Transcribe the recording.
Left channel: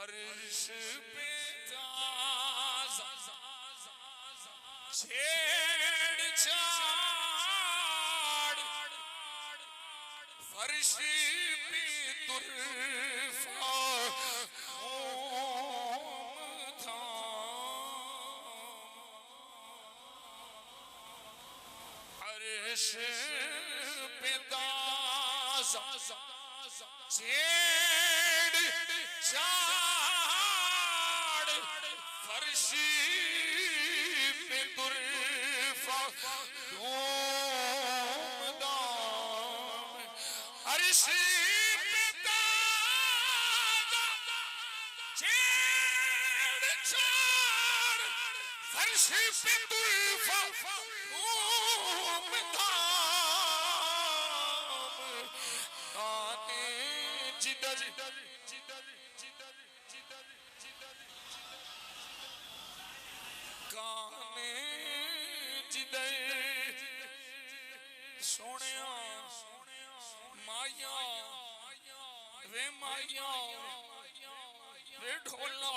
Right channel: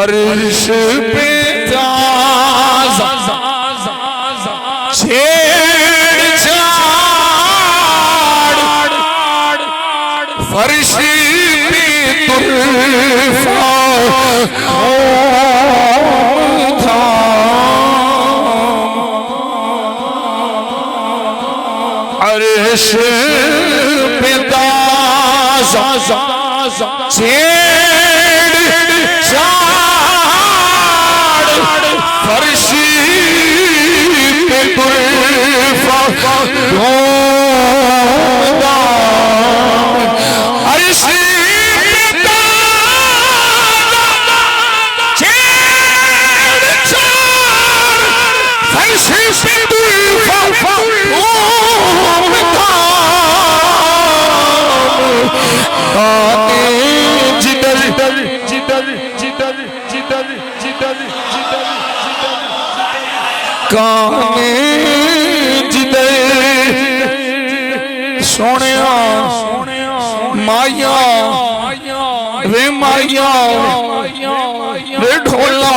फर्श पे छेड़छाड़ फर्श पे तुल्फा अर्श पे छेड़छाड़ फर्श पे तुल्फा अर्श काने जिदे सोनिया माया रे माया रे ढोला